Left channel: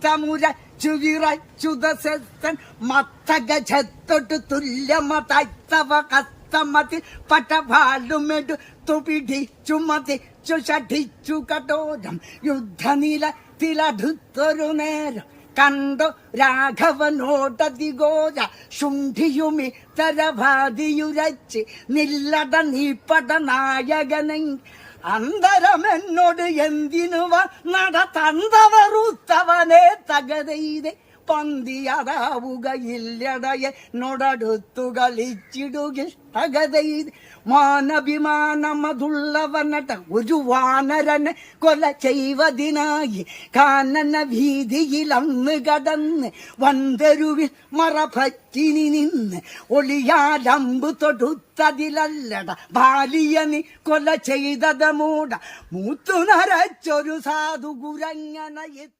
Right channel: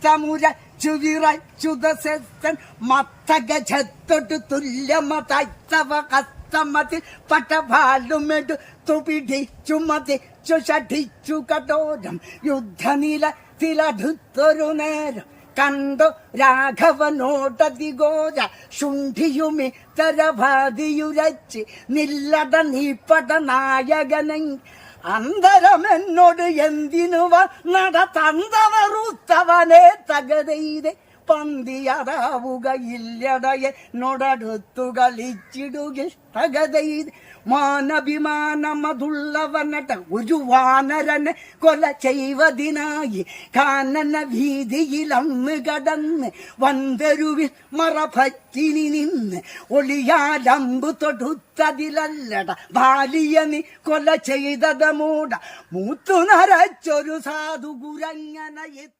രക്തമുരച്ചു വിറച്ചുദസൻ മത്തഗജത്തൊട്ട് തുല്യമതൈത്തവ കസ്തമതി പട്ടഭാലുമെടുത്തു പിടിച്ചു മതിച്ചു ഷഠിച്ചു കടോരം യുദ്ധനിലത്തിലടുത്തൊരു നേരം കണ്ടോ രാഘവനോടതിഘോര ശുണ്ഠിയുമിത്തരഭാതിയുരച്ച് നില്ലട നീപ്പട നായകനെ അന്തരമെന്നോട് എന്തിനു നട തന്തവറുത്തവനെ തകതയിലെ പന്തിയതാവുകയില്ലടയെ നൊടടുത്തു കളിച്ചിടുകിൽ തകതയിത് മാനഭിമാനമതുള്ളവനട്ട ഒരു വാനരനെ കൊല ചെയ്വതിനായി കാനന വീതിയിലന്ന് കടന്ന് വന്തരുവിൽ മറപറ്റിനി നിന്ന് ഒളിയാലമ്പു തൊടുത്തതിലല്ലട ബാലിയനി കൊല ചെയ്തത് മൂട മൂത്തു നരച്ചൊരു സാധു കുരങ്ങന എത്ര